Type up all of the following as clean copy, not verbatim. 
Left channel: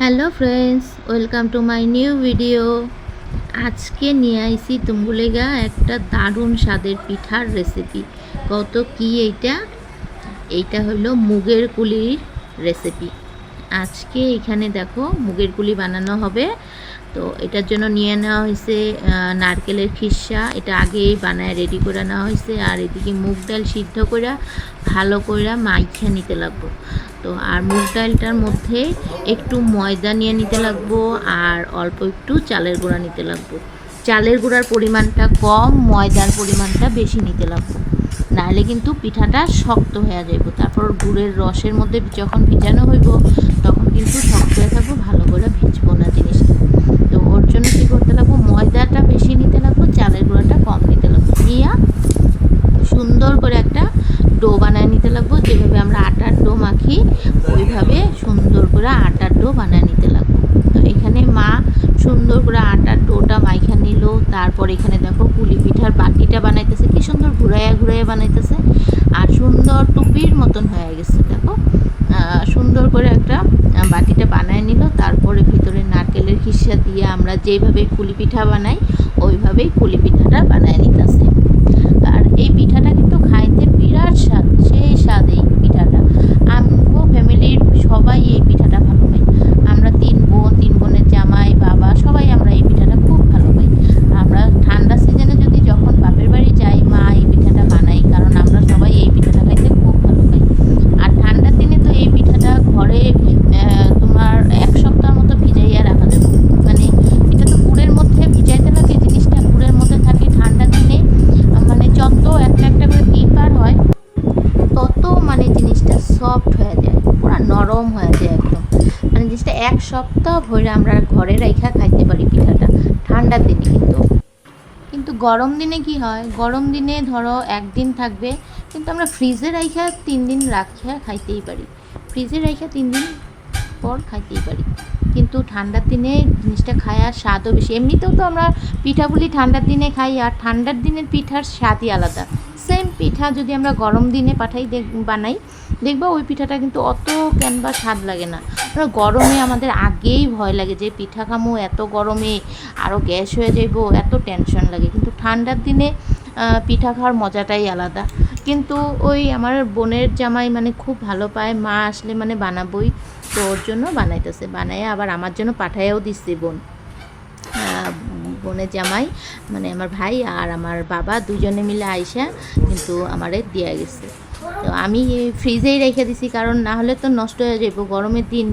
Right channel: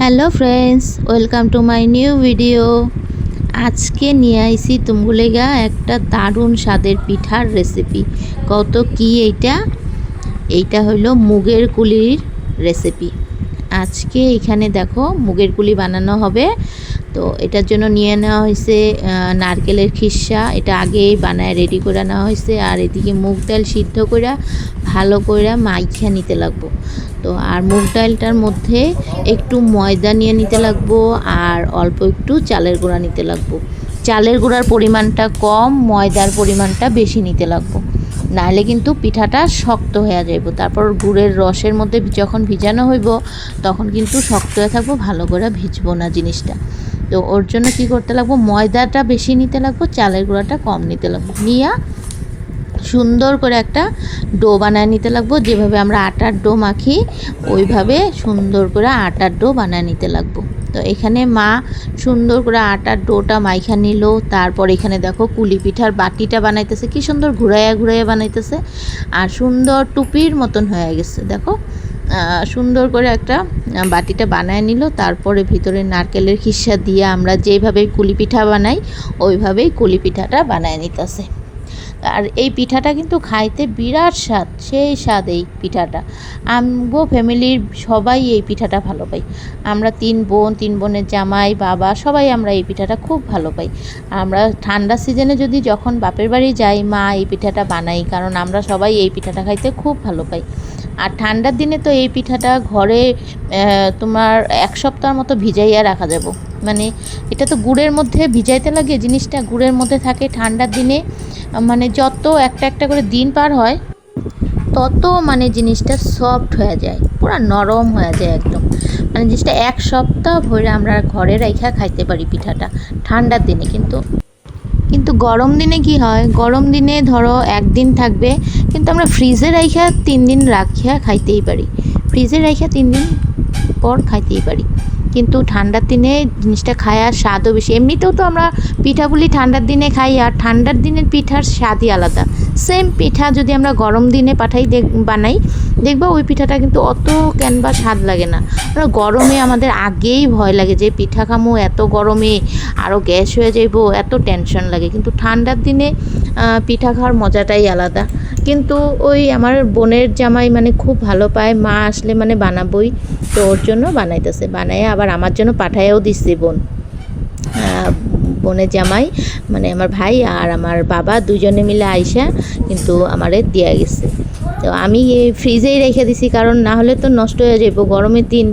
Hello friends, welcome to my new video. আজকে নিয়ে আইছি তুমগুলেগা একটা দারুণ স্বাদের পিঠার রেসিপি। কত কি এইটা হইল মুগের কুলির রেসিপি। আজকে এখানে দেখো মুগের কুলি বানানো হবে। তো এটার জন্য নিয়ে নেওয়া হয়েছে নারকেলের খিসা। এটা আগেই বানায় রেডি করে নেওয়া হয়েছে। আর এদিকে মুগ ডাল সিদ্ধ করে ভালো করে মাইখা নিতে লাগবো। তো আর মুগ ডালটার মধ্যে একটু ময়দা নিয়ে নিতে লাগবো আর অল্প একটু চালের গুঁড়া নিতে লাগবো। চালের গুঁড়ার পরিমাণটা কম, ময়দার পরিমাণটা বেশি নিতে লাগবো, নাহলে কিন্তু পিঠাটা শক্ত হয়ে যাইব। তারপর গুড়ের রসের মধ্যে যখন ভিজানো হইব তখন কিন্তু শক্ত হয়ে থাকবো, ভালো করে ভিজবো না জিনিসটা। তো ওর জন্য কি করতে লাগবো, ময়দাটা বেশি নিতে লাগবো, চালের গুঁড়াটা কম নিতে লাগবো। নিয়ে সুন্দর করে একটা ডো বানায় নিতে লাগবো। যেভাবে আমরা আটার ডো মাখি ওইভাবে সুন্দর করে আটার ডো বানায় নিতে লাগবো। তো এখানে মা সুন্দর করে আটার ডোটা মাইখা নিল। তারপর এখানে দেখো কুলি পিঠার বাটিটা বানাইতেছে, কি সুন্দর ঘুরাইয়া ঘুরাইয়া বানাইতেছে। আর সুন্দর টুপির মতন হয়ে গেছে দেখো। সুন্দর করে একটা বাটিটা বানায় নিল। তারপরে ভিতরে নারকেলের খিসা দিয়ে আমরা যেভাবে কুলি পিঠা বানাই ওইভাবেই কুলি পিঠাটা বানায় নিতেছে। আর এই পিঠাটা কিন্তু খাইতে বিরাট স্বাদ, সেই স্বাদ এই পিঠাটা। আমগো ফ্যামিলির সবাই এই পিঠাটা ভালো পাই। আমরা তিন বোনের জামাই বাবা সবাই আমরা এই পিঠাটা খুব ভালো পাই। আমরা ঠান্ডা সিজনে যদি যখন বাপের বাড়ি যাই মা এই পিঠাটা বানাই, কারণ আমরা সবাই এই পিঠাটা খাইতে খুব ভালো পাই। আর ঠান্ডার দিনে তো এই পিঠাটা ঘরে তোমার এক সপ্তাহ মতো ভিজাইয়া রাখা যাব। মানে এটা তো গুড়ের মধ্যে ভিজাইতে লাগে, জিনিসটা গুড়ের মধ্যে থাকে ঠান্ডার দিনে। মানে যত একটা একটা করে দিন পার হয় তত মানে জিনিসটা সফট হয়ে যায়, পুরো নরম হয়ে যায় একদম। মানে জিনিসটা এক সপ্তাহ ভরে আমরা ঘরে রাইখা খাইতে পারি পিঠাটা ঠান্ডার দিনে। কিন্তু কিন্তু গরম দিনে কি হয়, গরম দিনে ধরো একদিন থাকবে, কিন্তু আমরা ফ্রিজে রাইখা 3 দিন রাখিয়া খাইতেই পারি। ফ্রিজে রাইখা 3 দিন পর খাইতেই পারি। কিন্তু ঠান্ডার দিনে জিনিসটা খাওয়ার স্বাদও বেশি। এমনিতেও তো আমরা পিঠাগুলি ঠান্ডার দিনে খাই, আর ঠান্ডার দিনের পিঠার স্বাদই আলাদা। সেম পিঠা যদি আমরা গরম দিনে বানাই, দেখবো ওই পিঠাটা কিন্তু অত কেনবা স্বাদ লাগে না। গরমে আমাদের আগেই ভয় লাগে যে পিঠা খামো, এত গরমে আরও গ্যাস হয়ে যাইব, এত টেনশন লাগে। কিন্তু ঠান্ডার দিনে পিঠা খাওয়ার মজাটাই আলাদা। কিন্তু ওই আমার বোনের জামাই মানে খুব ভালো পায়, মা আসলে মানে বানাবোই। তো ওর জন্য বানাইতেছে, বানাইয়া আবার আমার জন্য পাঠাইয়াও দিচ্ছে বোনের জামাই, মানে আমার ভাই আর আমার বাবা দুজনে মিলে আইসা কিন্তু আমারে দিয়া গেছে। তো আমি ফ্রিজেই রেখে দিছি, কারণ না হলে তো নষ্ট হয়ে যাবো। গরমের দিন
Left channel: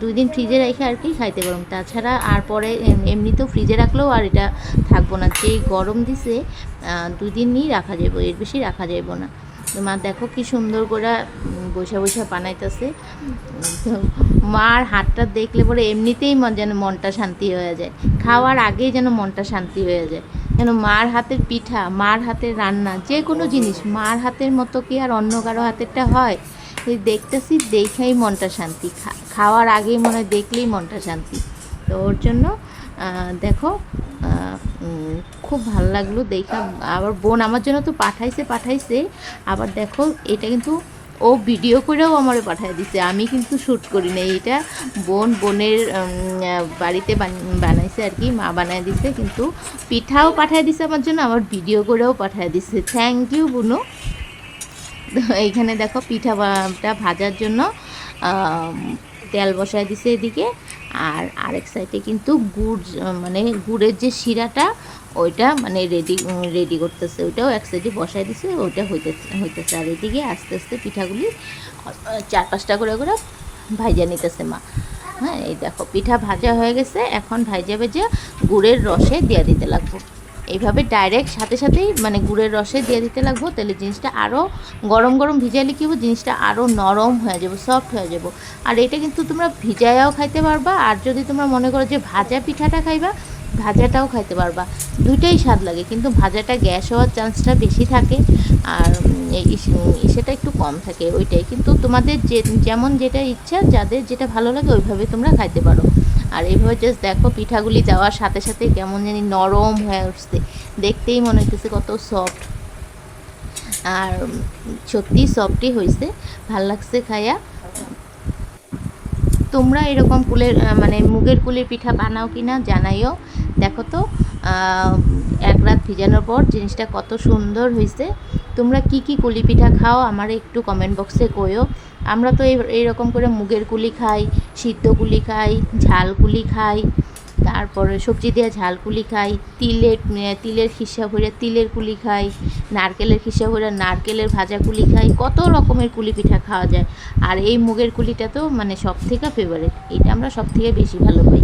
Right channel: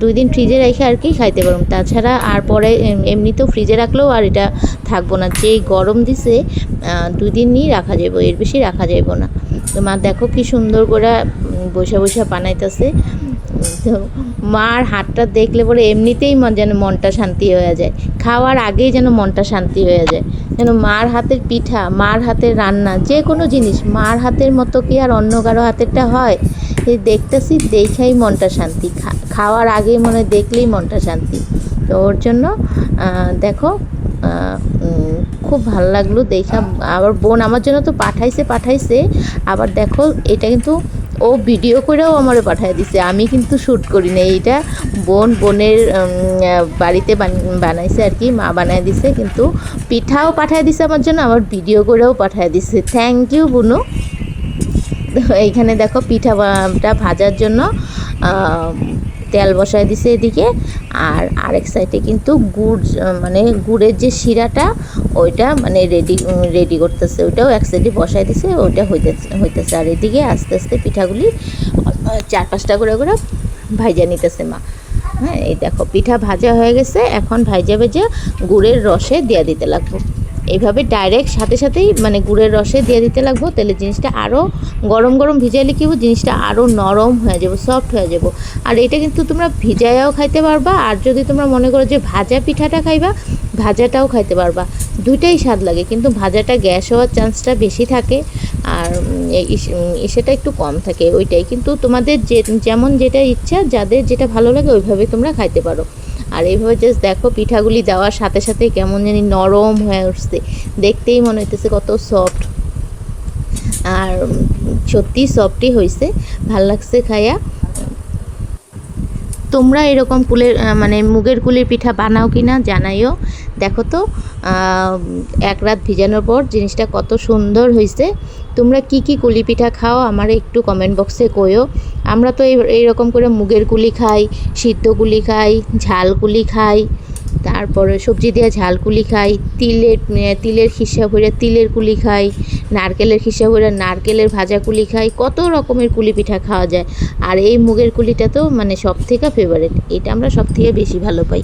2 দিন ফ্রিজে রেখে আর কি খাইতে পারবো। তাছাড়া আর পরে এমনিতেও ফ্রিজে রাখলেও আর এটা থাকবো না, যেই গরম দিছে 2 দিনই রাখা যাবো, এর বেশি রাখা যাবো না। তো মা দেখো কি সুন্দর করে বসে বসে বানাইতেছে। তো মার হাতটা দেখলে পরে এমনিতেই যেন মনটা শান্তি হয়ে যায়, খাওয়ার আগেই যেন মনটা শান্তি হয়ে যায়। যেন মার হাতের পিঠা, মার হাতের রান্না, যে কোনো জিনিস মার হাতের মতো কি আর অন্য কারো হাতেরটা হয়? এই দেখতেছি দেখাই মনটা শান্তি, খাওয়ার আগেই মনে দেখলেই মনটা শান্তি। তো ওর জন্য দেখো খুব ভালো লাগলো দেখা। আবার বোন আমার জন্য তো পাঠাইছে। আবার দেখো এটা কিন্তু ও ভিডিও করেও আমারে পাঠিয়ে দিছে, আমি কিন্তু শ্যুট করি না। এইটা বোনের বাড়িতে বানাইছে আর কি, মা বানায় দিছে। কিন্তু পিঠাও পাঠিয়ে দিছে আমার জন্য, আবার ভিডিও করেও পাঠিয়ে দিছে। থ্যাংক ইউ বুনু। তো এইখানে দেখো পিঠাটা ভাজার জন্য তেল বসায় দিছে এদিকে। আর আরেক সাইডে কিন্তু মানে গুড়ের যে শিরাটা ওইটা মানে রেডি করতেছে, ওইটাও এক সাইডে বসায় দিছে, ওইটা হইতেছে। আর এদিকে আস্তে আস্তে পিঠাগুলি 4-5টা করে ভাইজা নিতেছে মা। হ্যাঁ, এই দেখো পিঠা ভাজা হয়ে গেছে। এখন ভাইজা গুড়ের রসে দিয়ে দিতে লাগবো। এইভাবে ডাইরেক্ট সাথে সাথেই মানে গুড়ের রসে দিয়ে দিতে লাগবো, তাহলে জিনিসটা আরও গরম গরম ভিজাইলে কী হবে, জিনিসটা আরও নরম হয়ে যাবো, সফট হয়ে যাবো। আর এটা কিন্তু তোমরা ভিজায়াও খাইতে পারবা, আর যদি তোমরা মনে করো যে ভাজা পিঠাটা খাইবা, ভাজাটাও খাইতে পারবা। দুইটাই স্বাদ লাগে, কিন্তু ভাজাটা গ্যাস হওয়ার চান্সটা বেশি থাকে, আর সেটা একটু কম থাকে ওইটাই। কিন্তু তোমাদের যেমন যেটা ইচ্ছা, যাদের যেটা ভালো লাগে ওইভাবে তোমরা খাইতে পারো। আর এইভাবে জাস্ট দেখো পিঠাগুলি দেওয়ার সাথে সাথে কেমন জানি নরম হয়ে উঠছে, দেখতেই মনে হইতেছে কত সফট। আর সত্যি সফটই হয়েছে, ভাল লাগছে খাইয়া। তোমরা এরকম কুলের মানে মুগের কুলের পিঠা বানাও কি না জানাইও। দেখো তো এক রাত ভিজানোর পর জিনিসটা কত সুন্দর হয়েছে। তোমরা কি কি কুলি পিঠা খাও আমার একটু কমেন্ট বক্সে কইও। আমরা তো এইরকম করে মুগের কুলি খাই, সিদ্ধ কুলি খাই, ঝাল কুলি খাই, তারপরে সবজি দিয়ে ঝাল কুলি খাই, তিলের খিসা ভরে তিলের কুলি খাই, নারকেলের খিসা ভরে নারকেলের ভাজা কুলি খাই, কত রকমের কুলি পিঠা খাওয়া যায়। আর এই মুগের কুলিটা তো মানে সব থেকে ফেভারিট, এটা আমরা সব থেকে বেশি ভালো পাই।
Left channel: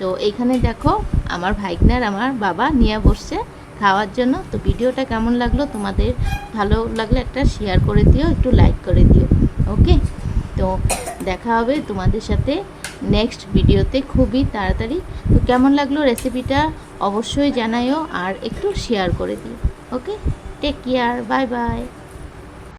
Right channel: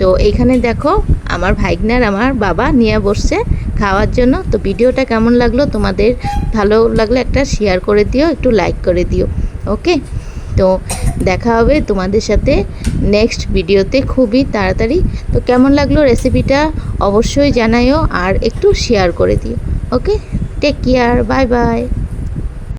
তো এইখানে দেখো আমার ভাইগনার আমার বাবা নিয়ে বসছে খাওয়ার জন্য। তো ভিডিওটা কেমন লাগলো তোমাদের, ভালো লাগলে একটা শেয়ার করে দিও, একটু লাইক করে দিও। ওকে, তো দেখা হবে তোমাদের সাথে নেক্সট ভিডিওতে খুবই তাড়াতাড়ি। তো কেমন লাগলো রেসিপিটা অবশ্যই জানাইও আর একটু শেয়ার করে দিও। ওকে, টেক কেয়ার, বাই বাই।